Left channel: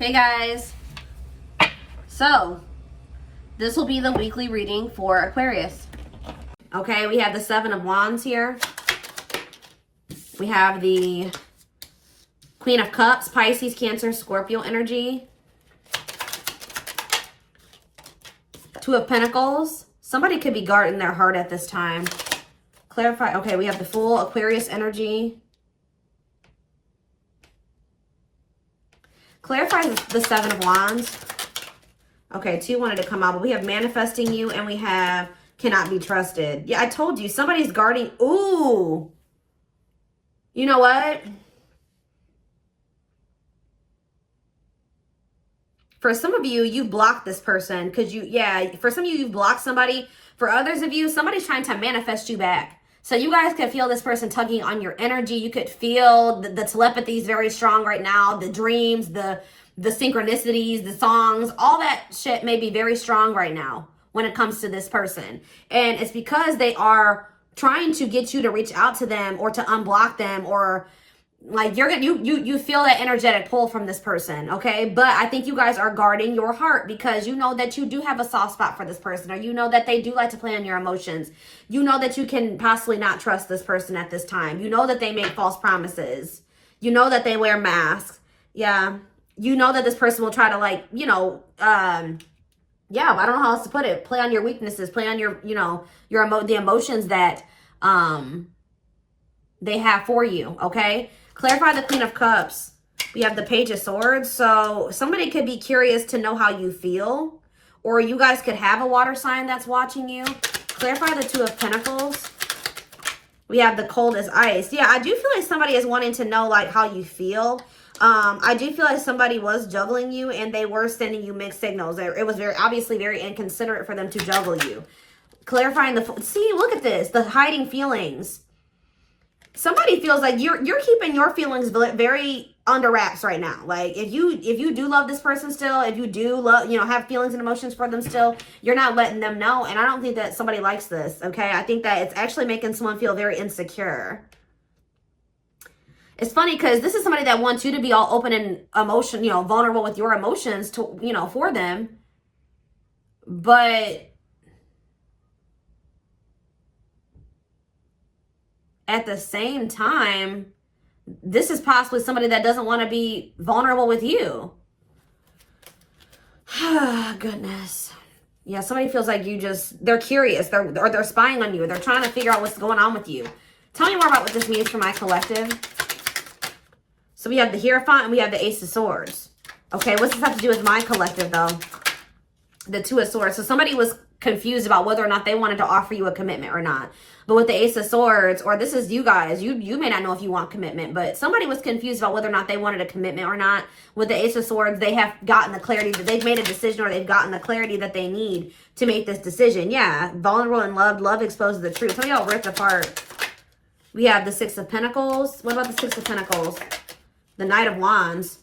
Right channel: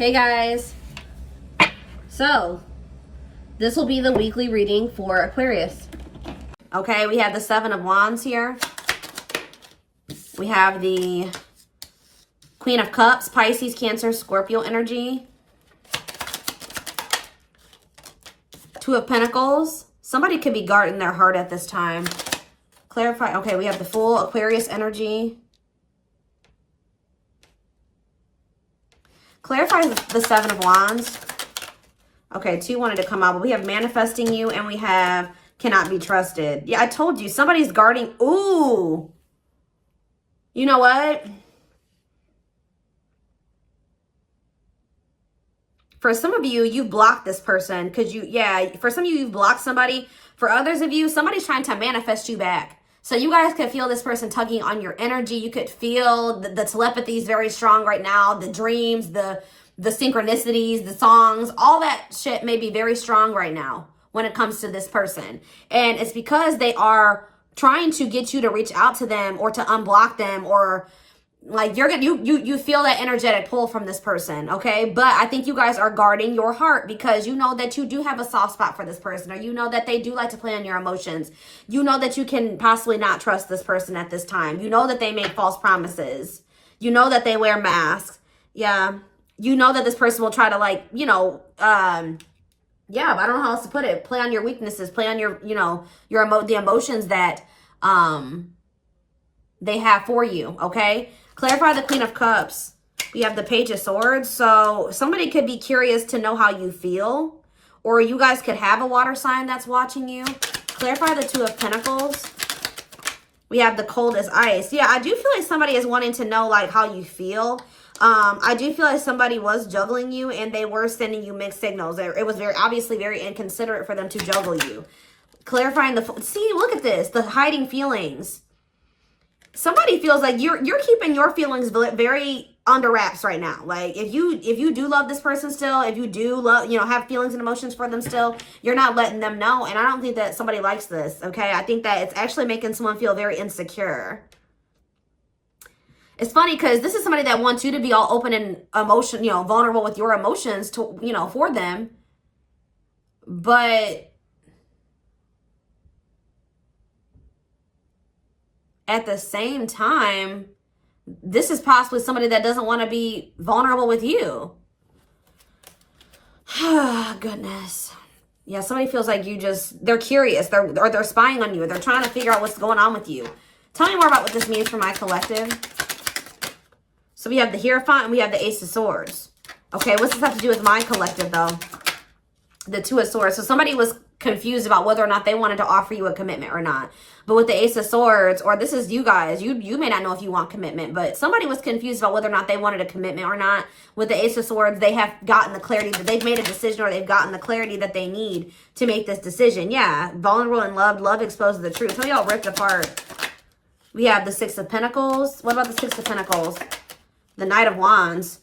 Hey guys, so this will be the weekly reading for Aquarius. Okay, we have the Seven of Wands here. We have the Queen of Cups, Pisces, Cancer, Scorpio energy. Two of Pentacles. Somebody could be guarding their heart at this time. Clarify. Okay, we have the Fool, Aquarius energy. Clarify the Seven of Wands. Okay, two wanted to come out, but we have manifesting you and we have cannot be trusted. Yeah, I told you, somebody's guarding. Ooh. You know what? For some of you, you blocked this person because for some of you, you've blocked somebody. For others of you, somebody's trying to manifest you back. So you guys could feel this person tugging on your energy. You could feel the telepathy is very strong right now. The dreams, the synchronicities, the songs, all that shit may be very strong right now when it comes to this person. And it's because they are trying to get you to reach out to them or to unblock them, or like you feel that energetic pull from this person, okay? But I think you guys are guarding your heart because you know that you do have a soft spot for this person, or you know that they do like to play on your emotions. You know that you can possibly not trust this person at this time. You know that they make false promises. You know that they wear masks. Yeah. You know that this person will try to, like, I don't know how else to put it. Play on your weaknesses, play on your, the emotions that they have for you, okay? Clarify the Queen of Cups. We have the Page of Swords. So somebody could be curious to know how you feel, or you guys could have a water sign that's watching you. Clarify the Two of Pentacles. We have the Cold as Ice. Yeah, I do feel like somebody is wanting to know, like, how you feel. I do feel like somebody was juggling you and they were sending you mixed signals. It was obviously very inconsiderate for them to juggle you. Clarifying see, look at this, the hiding feelings. Somebody feels like you're keeping your feelings very under wraps right now. Like if you do love this person still, if you do love, have feelings and emotions for them still, you're not letting them know. And I don't think that somebody likes this, okay? I think that it's actually making someone feel very insecure. It's funny because this is somebody that wants you to be all open and vulnerable with your emotions to, for them. But at the same time, this is possibly somebody that doesn't want to be vulnerable with you. Goodness. Yeah, somebody feels like they're curious. They're spying on you. They're trying to figure out what's going on with you. Tell me more about what this means for my collective. So we have the Hierophant and we have the Ace of Swords. Okay, what's this have to do with my collective, though? The Two of Swords. So somebody was confused about whether or not they wanted to offer you a commitment or not. But with the Ace of Swords, or this is you guys, you may not know if you want commitment, but somebody was confused about whether or not they wanted a commitment or not. With the Ace of Swords, they have gotten the clarity that they've made a decision, or they've gotten the clarity that they need to make this decision. Yeah, vulnerable and loved. Love exposes the truth. Some of y'all ripped apart. We have the Six of Pentacles. What about the Six of Pentacles? The Knight of Wands.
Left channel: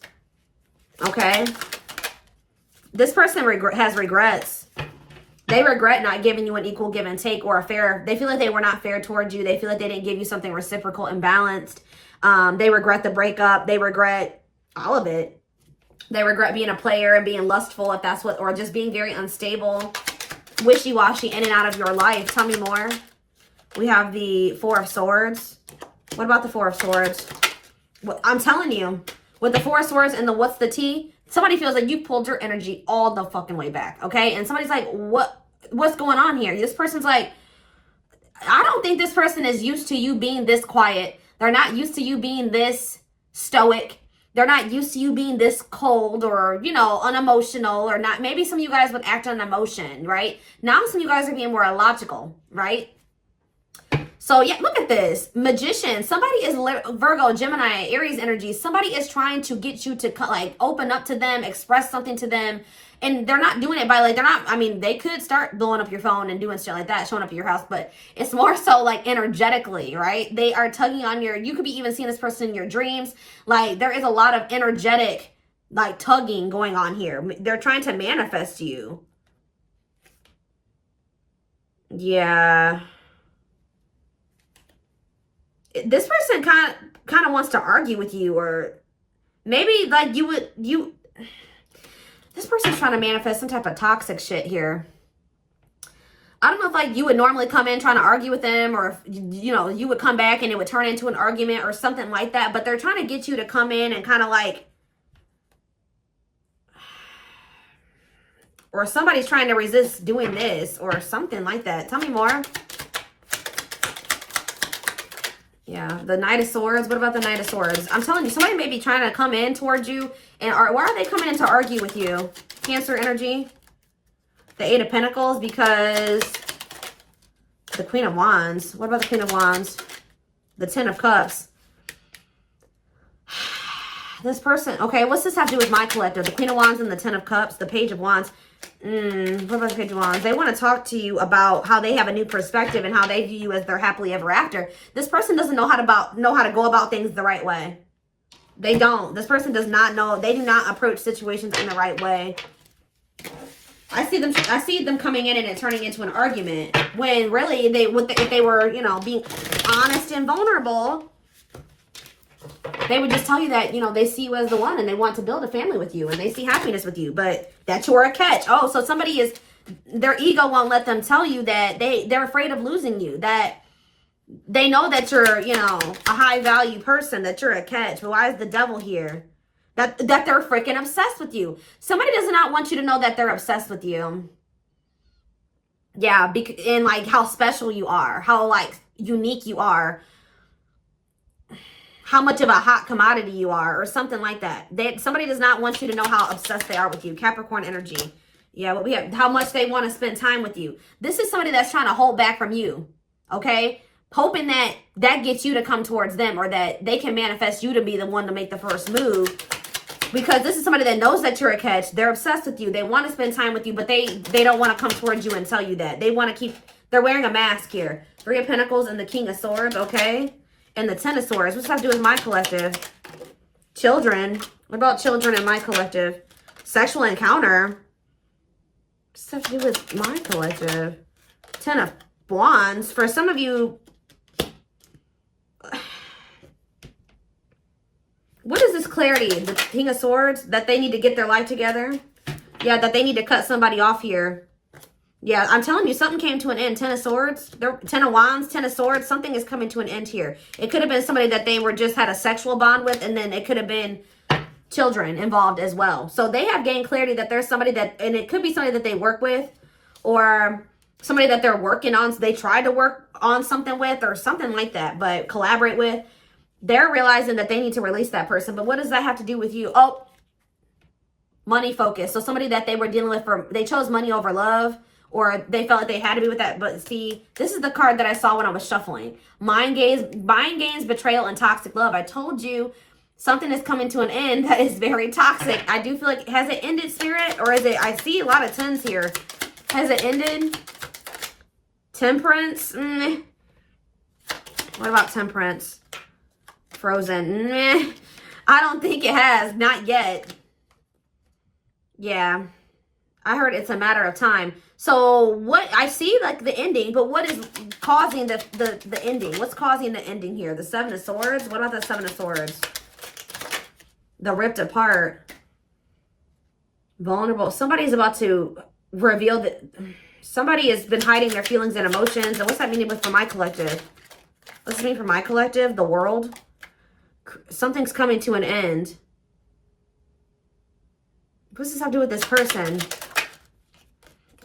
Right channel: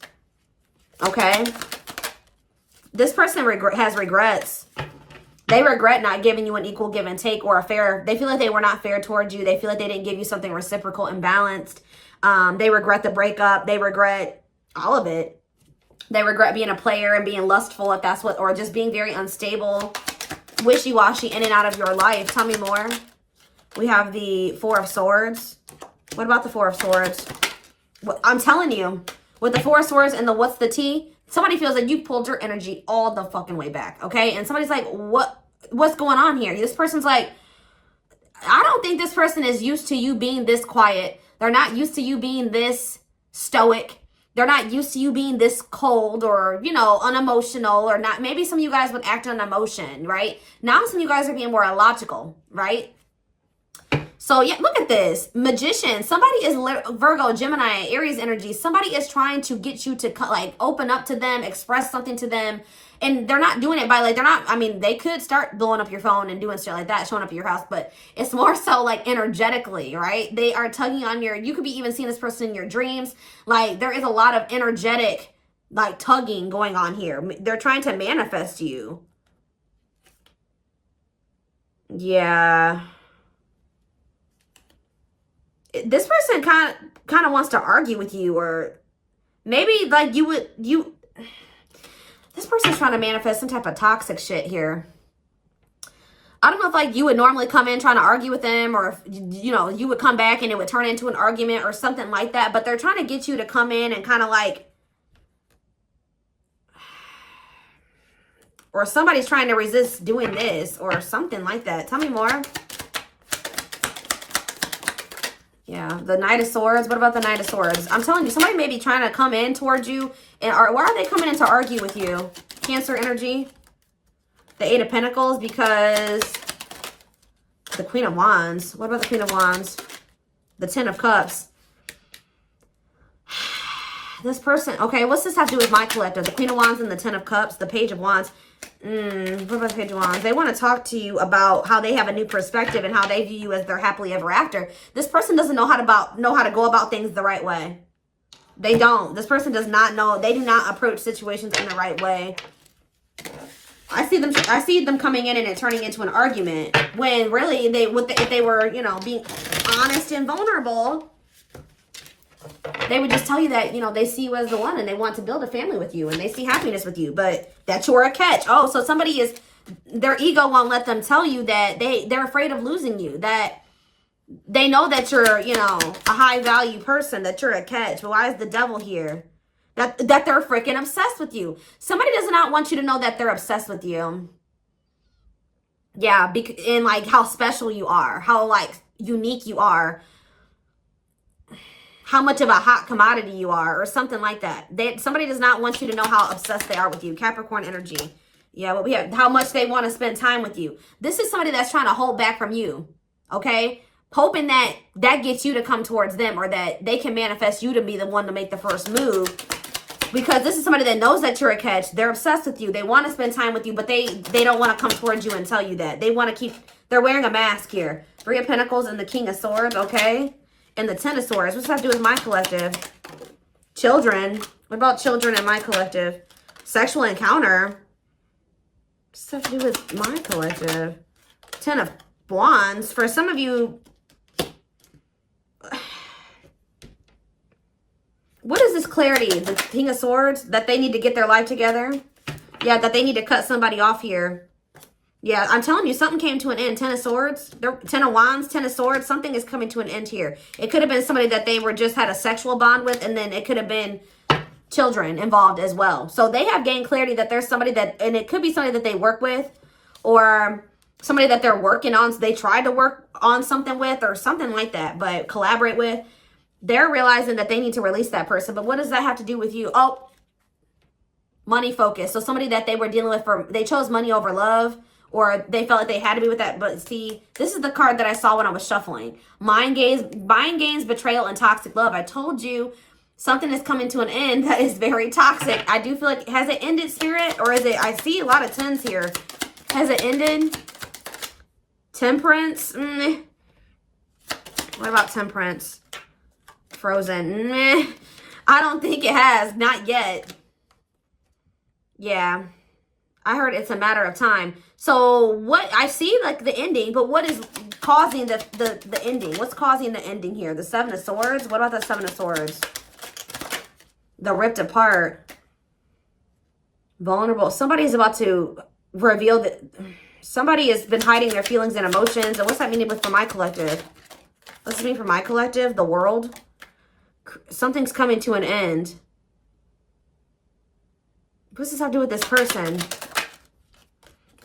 Okay. This person has regrets. They regret not giving you an equal give and take or a fair. They feel like they were not fair towards you. They feel like they didn't give you something reciprocal and balanced. They regret the breakup. They regret all of it. They regret being a player and being lustful, if that's or just being very unstable, wishy-washy in and out of your life. Tell me more. We have the Four of Swords. What about the Four of Swords? Well, I'm telling you, with the Four of Swords and the what's the tea, somebody feels like you pulled your energy all the fucking way back, okay? And somebody's like, what's going on here? This person's like, I don't think this person is used to you being this quiet. They're not used to you being this stoic. They're not used to you being this cold or, unemotional or not. Maybe some of you guys would act on emotion, right? Now some of you guys are being more illogical, right? So, yeah, look at this. Magician. Somebody is Virgo, Gemini, Aries energy. Somebody is trying to get you to, open up to them, express something to them. And they're not doing it by, they could start blowing up your phone and doing shit like that, showing up at your house. But it's more so, energetically, right? They are tugging on you could be even seeing this person in your dreams. There is a lot of energetic, tugging going on here. They're trying to manifest you. Yeah. This person kind of wants to argue with you, or maybe This person's trying to manifest some type of toxic shit here. I don't know if like you would normally come in trying to argue with them, or if, you know, you would come back and it would turn into an argument or something like that. But they're trying to get you to come in and kind of like, or somebody's trying to resist doing this or something like that. Tell me more. Yeah, the Knight of Swords. What about the Knight of Swords? I'm telling you, somebody may be trying to come in towards you. And why are they coming in to argue with you? Cancer energy. The Eight of Pentacles, because the Queen of Wands. What about the Queen of Wands? The Ten of Cups. This person, okay, what's this have to do with my collective? The Queen of Wands and the Ten of Cups, the Page of Wands. What about the Page of Wands? They want to talk to you about how they have a new perspective and how they view you as their happily ever after. This person doesn't know how to go about things the right way. They don't. This person does not know. They do not approach situations in the right way. I see them coming in and it turning into an argument when really if they were, you know, being honest and vulnerable, they would just tell you that, you know, they see you as the one and they want to build a family with you and they see happiness with you, but that you're a catch. Oh, so somebody is, their ego won't let them tell you that they're afraid of losing you, that they know that you're, you know, a high value person, that you're a catch. Well, why is the devil here? That they're freaking obsessed with you. Somebody does not want you to know that they're obsessed with you. Yeah, and like how special you are, how like unique you are, how much of a hot commodity you are, or something like that. Somebody does not want you to know how obsessed they are with you. Capricorn energy. Yeah, what we have, how much they want to spend time with you. This is somebody that's trying to hold back from you. Okay? Hoping that gets you to come towards them, or that they can manifest you to be the one to make the first move. Because this is somebody that knows that you're a catch. They're obsessed with you. They want to spend time with you, but they don't want to come towards you and tell you that. They want to keep, they're wearing a mask here. Three of Pentacles and the King of Swords, okay? And the Ten of Swords. What's that to do with my collective? Children. What about children in my collective? Sexual encounter. What's that to do with my collective? Ten of Wands. For some of you, what is this clarity? The King of Swords? That they need to get their life together? Yeah, that they need to cut somebody off here. Yeah, I'm telling you, something came to an end. Ten of Swords, Ten of Wands, Ten of Swords. Something is coming to an end here. It could have been somebody that they were just had a sexual bond with, and then it could have been children involved as well. So they have gained clarity that there's somebody that, and it could be somebody that they work with, or somebody that they're working on. So they tried to work on something with, or something like that, but collaborate with. They're realizing that they need to release that person. But what does that have to do with you? Oh, money focus. So somebody that they were dealing with, they chose money over love, or they felt like they had to be with that. But see, this is the card that I saw when I was shuffling. Mind games, betrayal, and toxic love. I told you something is coming to an end that is very toxic. I do feel like, has it ended, Spirit? Or is it, I see a lot of tens here. Has it ended? Temperance? What about Temperance? Frozen. I don't think it has. Not yet. Yeah. I heard it's a matter of time. So what I see, like the ending, but what is causing the ending? What's causing the ending here? The Seven of Swords? What about the Seven of Swords? The ripped apart. Vulnerable. Somebody's about to reveal that somebody has been hiding their feelings and emotions. And what's that meaning for my collective? What's it mean for my collective? The world? Something's coming to an end. What's this have to do with this person?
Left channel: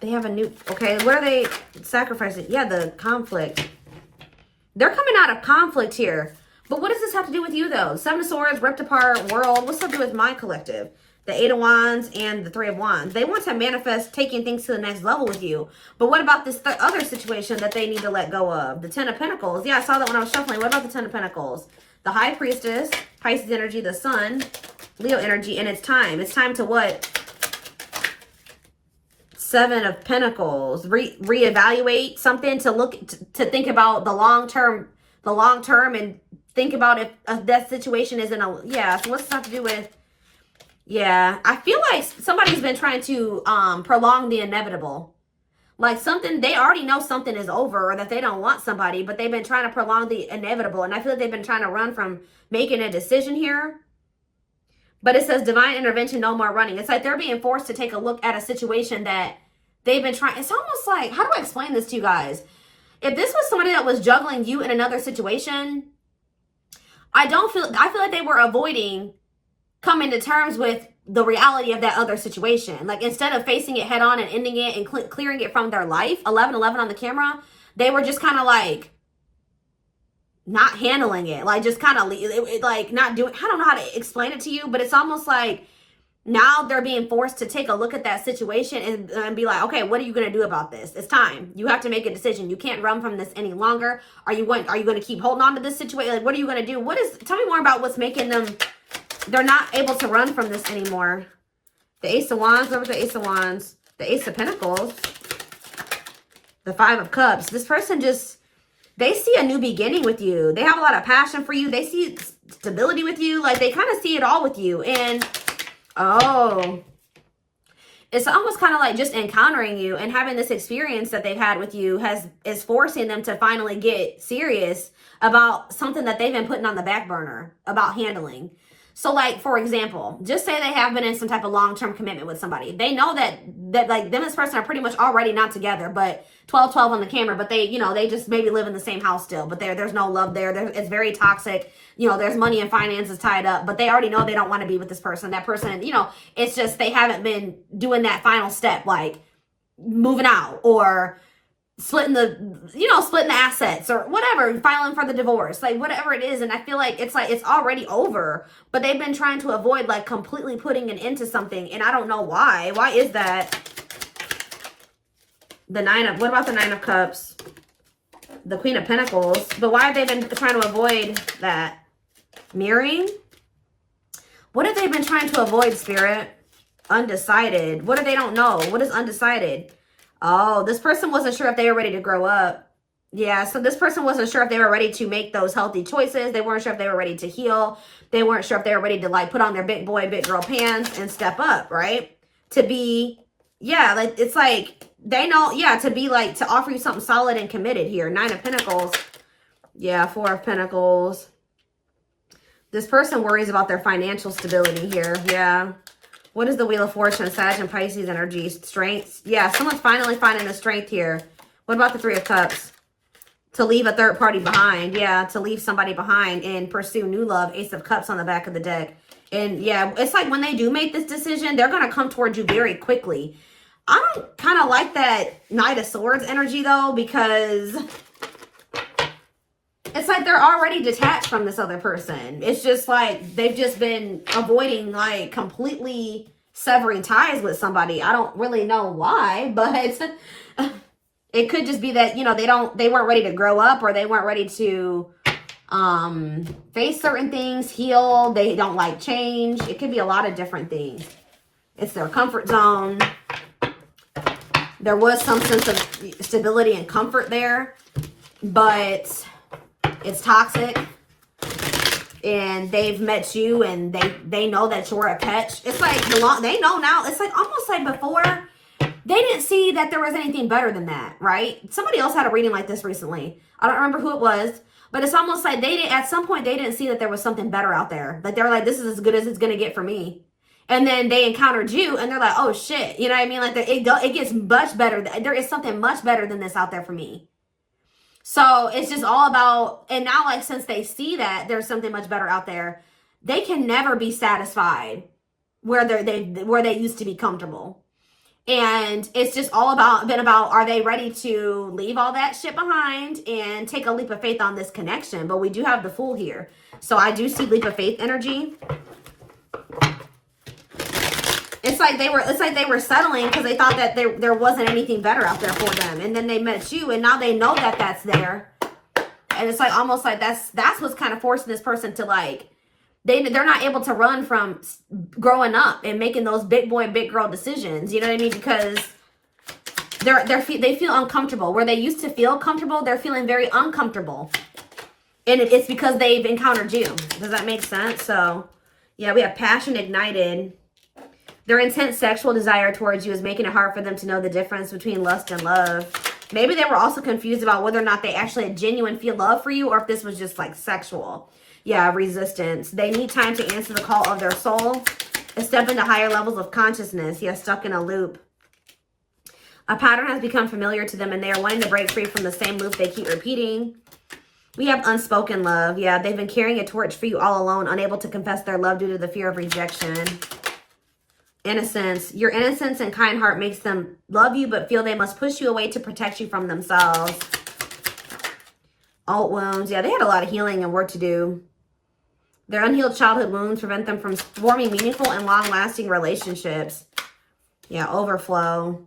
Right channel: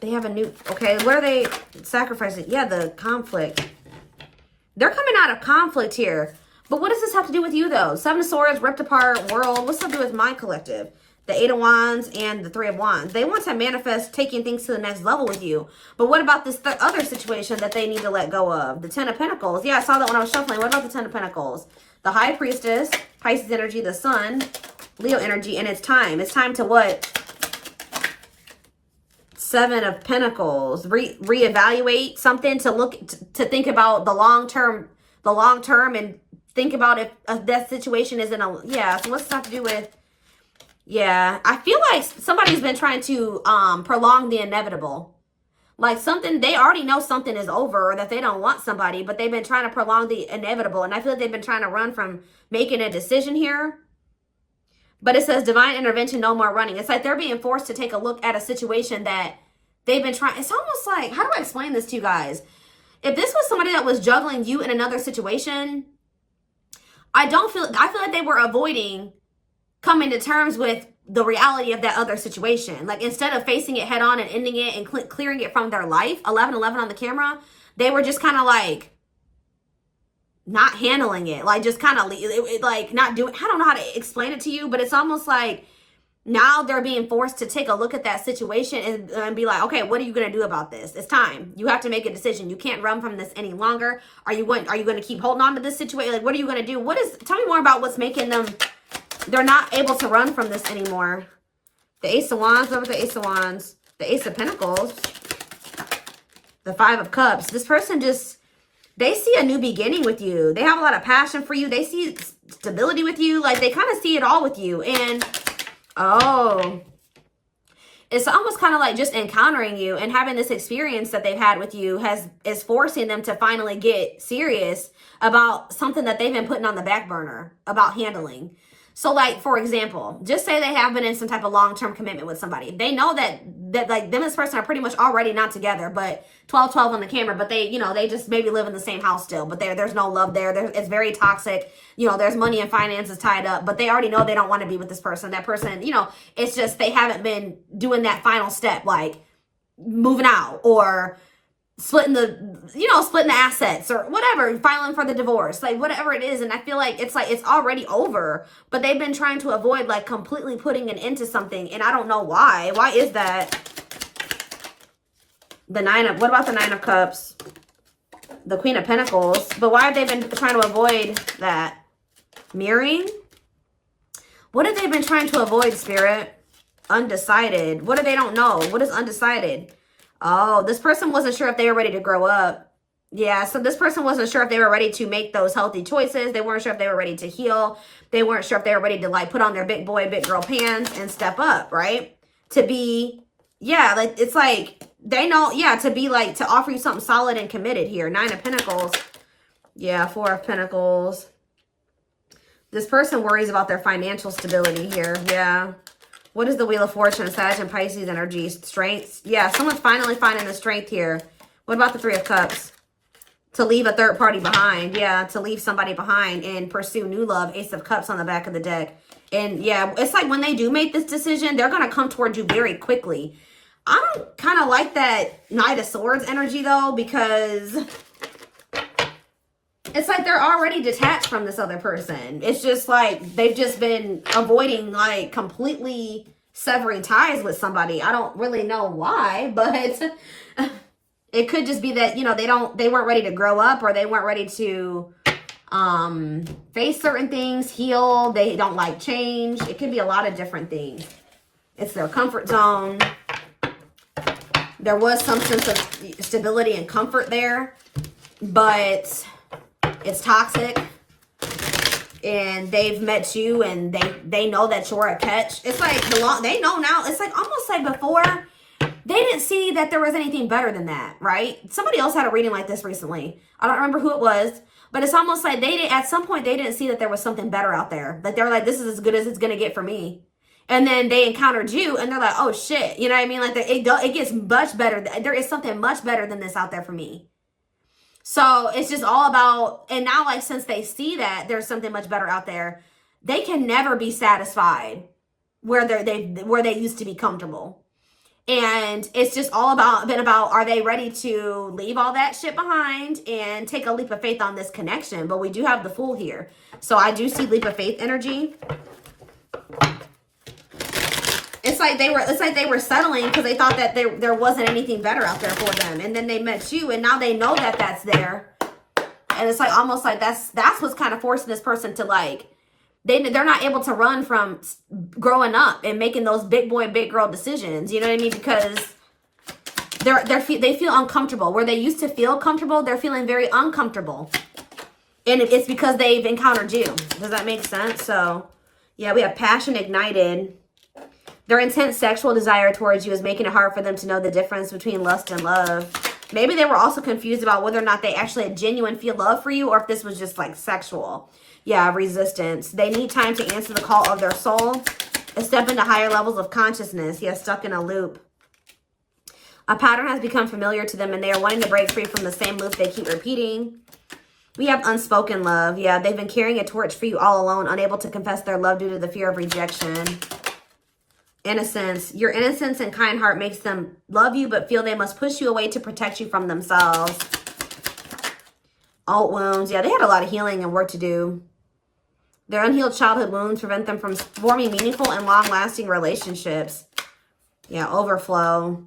They have a new... Okay, what are they sacrificing? Yeah, the conflict. They're coming out of conflict here. But what does this have to do with you, though? Seven of Swords, ripped apart, world. What's that to do with my collective? The Eight of Wands and the Three of Wands. They want to manifest taking things to the next level with you. But what about this other situation that they need to let go of? The Ten of Pentacles. Yeah, I saw that when I was shuffling. What about the Ten of Pentacles? The High Priestess, Pisces energy, the Sun, Leo energy, and it's time. It's time to what? Seven of Pentacles. Reevaluate something, to look, to think about the long term, and think about if that situation is in a, yeah, so what's that to do with? Yeah, I feel like somebody's been trying to prolong the inevitable. Like something, they already know something is over, or that they don't want somebody, but they've been trying to prolong the inevitable. And I feel like they've been trying to run from making a decision here. But it says divine intervention, no more running. It's like they're being forced to take a look at a situation that they've been trying. It's almost like, how do I explain this to you guys? If this was somebody that was juggling you in another situation, I feel like they were avoiding coming to terms with the reality of that other situation. Like, instead of facing it head on and ending it and clearing it from their life, 1111 on the camera, they were just kind of like not handling it, like just kind of like not doing, I don't know how to explain it to you, but it's almost like now they're being forced to take a look at that situation and be like, okay, what are you going to do about this? It's time. You have to make a decision. You can't run from this any longer. Are you going to keep holding on to this situation? Like, what are you going to do? Tell me more about what's making them, they're not able to run from this anymore. The Ace of Wands, what was the Ace of Wands? The Ace of Pentacles, the Five of Cups. This person just, they see a new beginning with you. They have a lot of passion for you. They see stability with you. Like, they kind of see it all with you. And, oh, it's almost kind of like just encountering you and having this experience that they've had with you is forcing them to finally get serious about something that they've been putting on the back burner about handling. So, like, for example, just say they have been in some type of long-term commitment with somebody. They know that like, them and this person are pretty much already not together, but 12-12 on the camera, but they, you know, they just maybe live in the same house still, but there's no love there. It's very toxic. You know, there's money and finances tied up, but they already know they don't want to be with this person. That person, you know, it's just they haven't been doing that final step, like moving out or splitting the assets or whatever, filing for the divorce, like whatever it is. And I feel like it's already over, but they've been trying to avoid like completely putting an end to something. And I don't know why. Why is that? What about the Nine of Cups? The Queen of Pentacles. But why have they been trying to avoid that? Mirroring? What have they been trying to avoid, Spirit? Undecided. What if they don't know? What is undecided? Oh, this person wasn't sure if they were ready to grow up. Yeah, so this person wasn't sure if they were ready to make those healthy choices. They weren't sure if they were ready to heal. They weren't sure if they were ready to, like, put on their big boy, big girl pants and step up, right? To be, yeah, like, it's like, they know, yeah, to be, like, to offer you something solid and committed here. Nine of Pentacles. Yeah, Four of Pentacles. This person worries about their financial stability here. Yeah. What is the Wheel of Fortune? Sag and Pisces energy. Strengths. Yeah, someone's finally finding the strength here. What about the Three of Cups? To leave a third party behind. Yeah, to leave somebody behind and pursue new love. Ace of Cups on the back of the deck. And yeah, it's like when they do make this decision, they're going to come towards you very quickly. I don't kind of like that Knight of Swords energy though, because it's like they're already detached from this other person. It's just like they've just been avoiding, like, completely severing ties with somebody. I don't really know why, but it could just be that, you know, they weren't ready to grow up, or they weren't ready to face certain things, heal. They don't like change. It could be a lot of different things. It's their comfort zone. There was some sense of stability and comfort there, but it's toxic, and they've met you, and they know that you're a catch. It's like they know now. It's like almost like before they didn't see that there was anything better than that, right? Somebody else had a reading like this recently. I don't remember who it was, but it's almost like at some point they didn't see that there was something better out there. Like they were like, this is as good as it's gonna get for me. And then they encountered you, and they're like, oh shit, you know what I mean? Like it gets much better. There is something much better than this out there for me. So it's just all about, and now, like, since they see that there's something much better out there, they can never be satisfied where they used to be comfortable. And it's just all about, are they ready to leave all that shit behind and take a leap of faith on this connection? But we do have the Fool here. So I do see leap of faith energy. It's like they were settling because they thought that there wasn't anything better out there for them. And then they met you, and now they know that that's there. And it's like almost like that's what's kind of forcing this person to, like, they're not able to run from growing up and making those big boy, big girl decisions. You know what I mean? Because they feel uncomfortable. Where they used to feel comfortable, they're feeling very uncomfortable. And it's because they've encountered you. Does that make sense? So, yeah, we have passion ignited. Their intense sexual desire towards you is making it hard for them to know the difference between lust and love. Maybe they were also confused about whether or not they actually had genuine feel love for you, or if this was just, like, sexual. Yeah, resistance. They need time to answer the call of their soul, to step into higher levels of consciousness. Yeah, stuck in a loop. A pattern has become familiar to them, and they are wanting to break free from the same loop they keep repeating. We have unspoken love. Yeah, they've been carrying a torch for you all alone, unable to confess their love due to the fear of rejection. Innocence. Your innocence and kind heart makes them love you, but feel they must push you away to protect you from themselves. Alt wounds. Yeah, they had a lot of healing and work to do. Their unhealed childhood wounds prevent them from forming meaningful and long-lasting relationships. Yeah, overflow.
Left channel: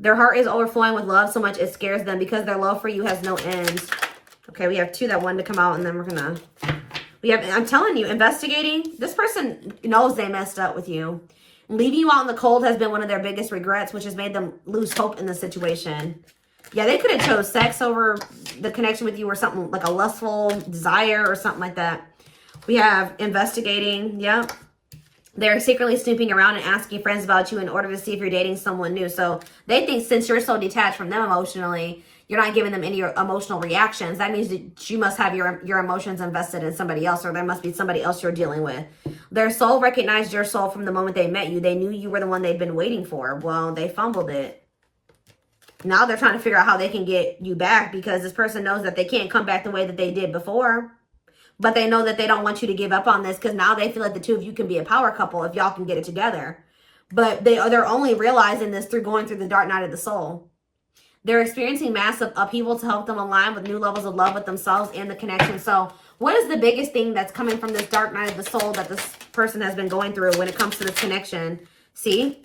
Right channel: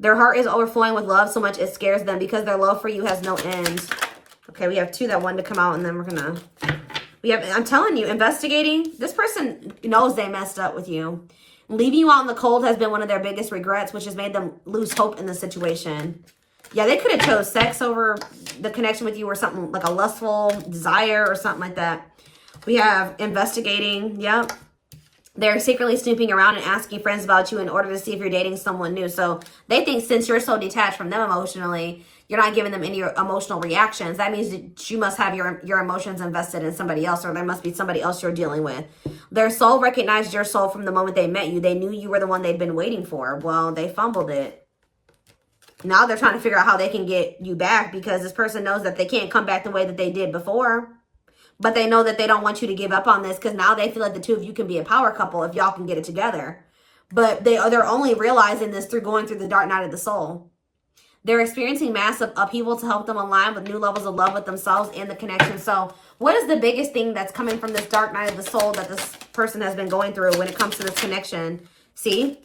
Their heart is overflowing with love so much it scares them because their love for you has no end. Okay, we have 2 that wanted to come out, and then we're gonna... I'm telling you, investigating. This person knows they messed up with you. Leaving you out in the cold has been one of their biggest regrets, which has made them lose hope in the situation. Yeah, they could have chose sex over the connection with you, or something like a lustful desire or something like that. We have investigating. Yep. They're secretly snooping around and asking friends about you in order to see if you're dating someone new. So they think since you're so detached from them emotionally, you're not giving them any emotional reactions. That means that you must have your emotions invested in somebody else, or there must be somebody else you're dealing with. Their soul recognized your soul from the moment they met you. They knew you were the one they'd been waiting for. Well, they fumbled it. Now they're trying to figure out how they can get you back, because this person knows that they can't come back the way that they did before. But they know that they don't want you to give up on this, because now they feel like the 2 of you can be a power couple if y'all can get it together. But they're only realizing this through going through the dark night of the soul. They're experiencing massive upheaval to help them align with new levels of love with themselves and the connection. So what is the biggest thing that's coming from this dark night of the soul that this person has been going through when it comes to this connection? See?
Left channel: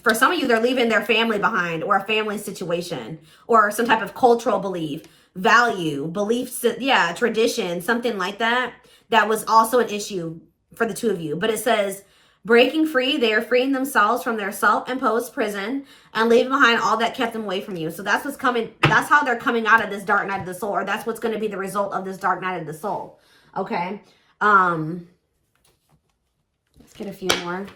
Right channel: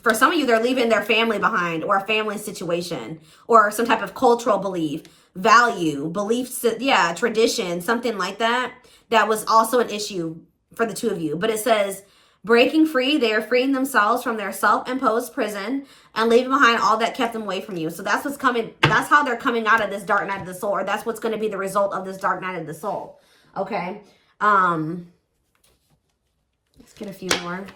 For some of you, they're leaving their family behind, or a family situation, or some type of cultural belief, value, beliefs, yeah, tradition, something like that. That was also an issue for the 2 of you. But it says, breaking free, they are freeing themselves from their self-imposed prison and leaving behind all that kept them away from you. So that's what's coming. That's how they're coming out of this dark night of the soul, or that's what's going to be the result of this dark night of the soul. Okay. Let's get a few more.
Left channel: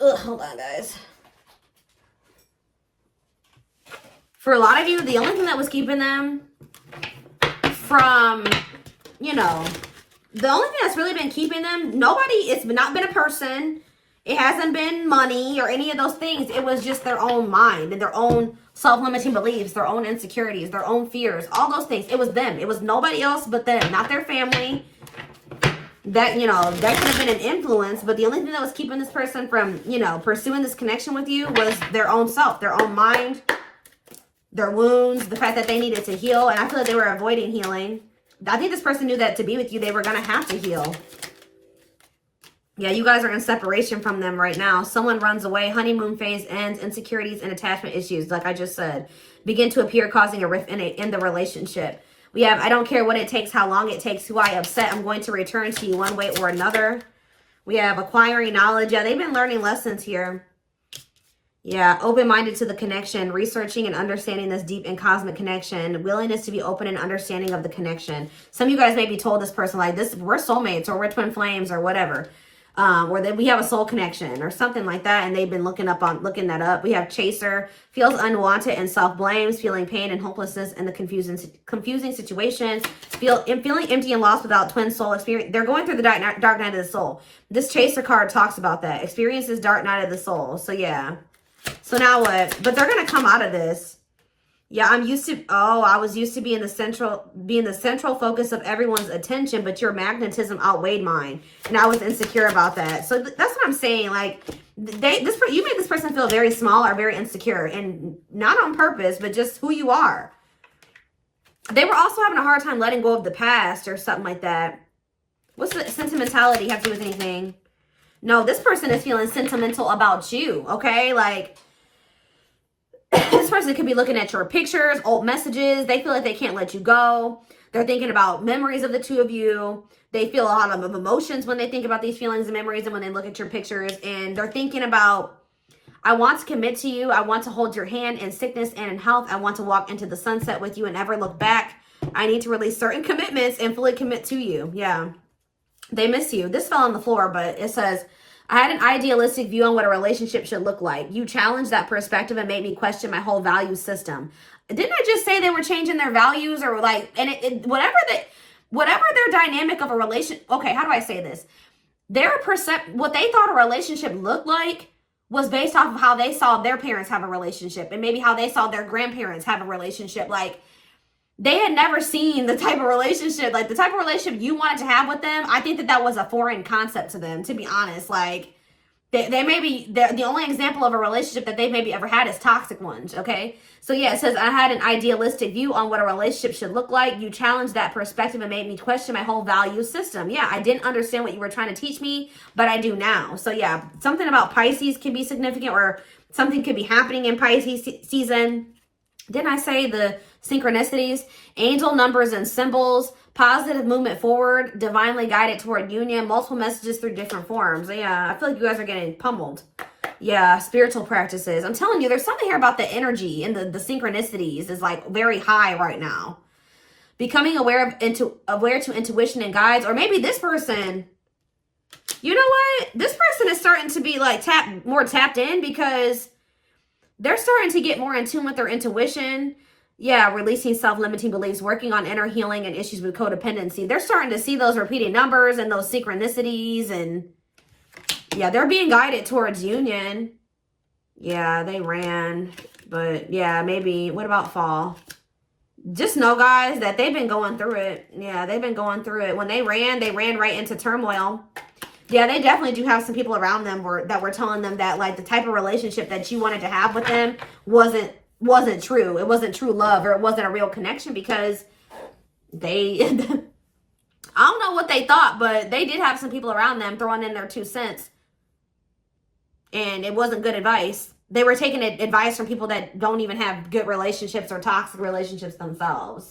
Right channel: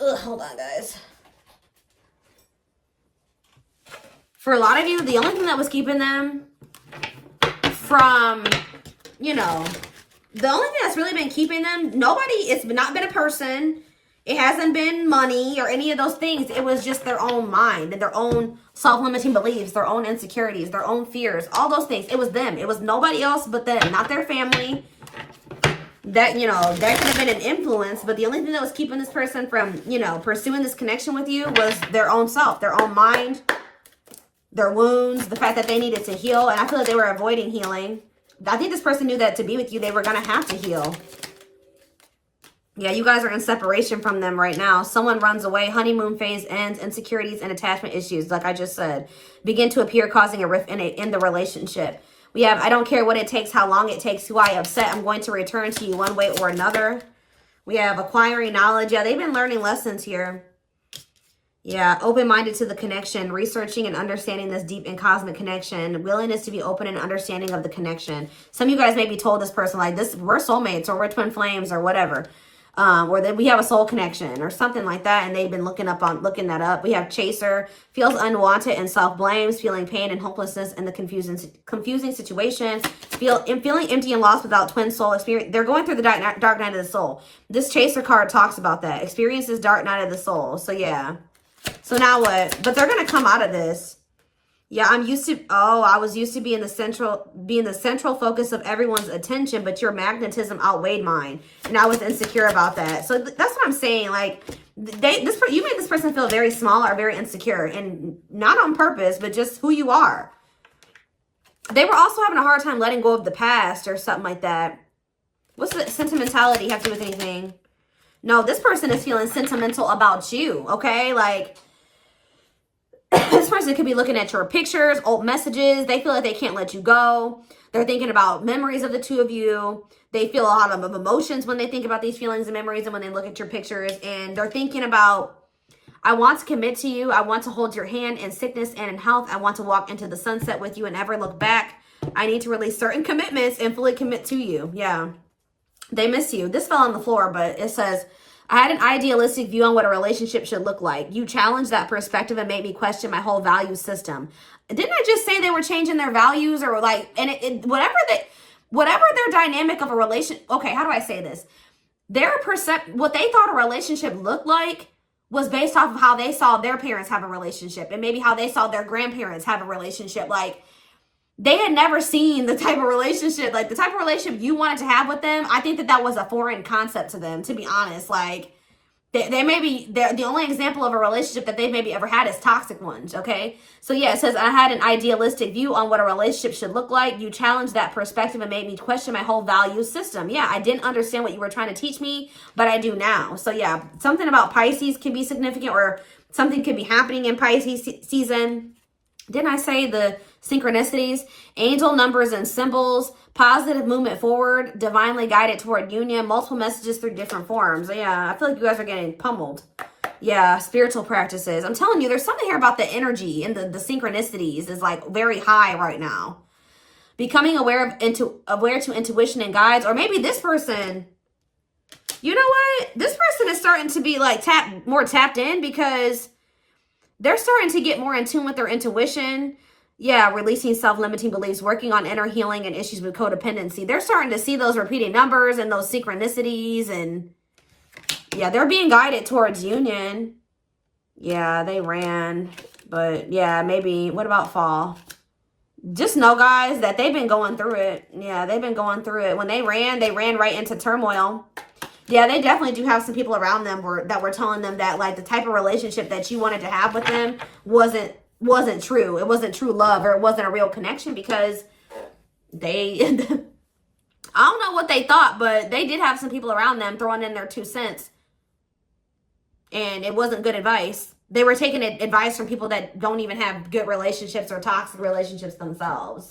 Hold on, guys. For a lot of you, the only thing that was keeping them from, you know, the only thing that's really been keeping them, it's not been a person. It hasn't been money or any of those things. It was just their own mind and their own self-limiting beliefs, their own insecurities, their own fears, all those things. It was them. It was nobody else but them, not their family. That, you know, that could have been an influence, but the only thing that was keeping this person from, you know, pursuing this connection with you was their own self, their own mind, their wounds, the fact that they needed to heal. And I feel like they were avoiding healing. I think this person knew that to be with you, they were going to have to heal. Yeah, you guys are in separation from them right now. Someone runs away, honeymoon phase ends, insecurities and attachment issues, like I just said, begin to appear, causing a rift in the relationship. We have, I don't care what it takes, how long it takes, who I upset, I'm going to return to you one way or another. We have acquiring knowledge. Yeah, they've been learning lessons here. Yeah, open-minded to the connection, researching and understanding this deep and cosmic connection, willingness to be open and understanding of the connection. Some of you guys maybe told this person, like, this, we're soulmates, or we're twin flames, or whatever. Or that we have a soul connection or something like that, and they've been looking that up. We have chaser, feels unwanted and self-blames, feeling pain and hopelessness in the confusing situations, feeling empty and lost without twin soul experience. They're going through the dark night of the soul. This chaser card talks about that. Experiences dark night of the soul. So yeah. So now what? But they're gonna come out of this. Yeah, I was used to being the central focus of everyone's attention, but your magnetism outweighed mine, and I was insecure about that. So that's what I'm saying. Like, you made this person feel very small or very insecure, and not on purpose, but just who you are. They were also having a hard time letting go of the past or something like that. What's the sentimentality have to do with anything? No, this person is feeling sentimental about you. Okay, like. This person could be looking at your pictures, old messages. They feel like they can't let you go. They're thinking about memories of the 2 of you. They feel a lot of emotions when they think about these feelings and memories and when they look at your pictures. And they're thinking about, I want to commit to you. I want to hold your hand in sickness and in health. I want to walk into the sunset with you and never look back. I need to release certain commitments and fully commit to you. Yeah. They miss you. This fell on the floor, but it says, I had an idealistic view on what a relationship should look like. You challenged that perspective and made me question my whole value system. Didn't I just say they were changing their values or like, and whatever their dynamic of a relation. Okay, how do I say this? What they thought a relationship looked like was based off of how they saw their parents have a relationship and maybe how they saw their grandparents have a relationship. Like, they had never seen the type of relationship, like the type of relationship you wanted to have with them. I think that was a foreign concept to them, to be honest. Like, they may be, the only example of a relationship that they've maybe ever had is toxic ones, okay? So yeah, it says, I had an idealistic view on what a relationship should look like. You challenged that perspective and made me question my whole value system. Yeah, I didn't understand what you were trying to teach me, but I do now. So yeah, something about Pisces can be significant, or something could be happening in Pisces season. Didn't I say the synchronicities, angel numbers and symbols, positive movement forward, divinely guided toward union, multiple messages through different forms. Yeah, I feel like you guys are getting pummeled. Yeah, spiritual practices. I'm telling you, there's something here about the energy and the synchronicities is like very high right now. Becoming aware to intuition and guides, or maybe this person, you know what? This person is starting to be like more tapped in because they're starting to get more in tune with their intuition. Yeah, releasing self-limiting beliefs, working on inner healing and issues with codependency. They're starting to see those repeating numbers and those synchronicities, and yeah, they're being guided towards union. Yeah, they ran, but yeah, maybe, what about fall? Just know, guys, that they've been going through it. Yeah, they've been going through it. When they ran right into turmoil. Yeah, they definitely do have some people around them that were telling them that, like, the type of relationship that you wanted to have with them wasn't true. It wasn't true love, or it wasn't a real connection, because they, I don't know what they thought, but they did have some people around them throwing in their 2 cents. And it wasn't good advice. They were taking advice from people that don't even have good relationships or toxic relationships themselves.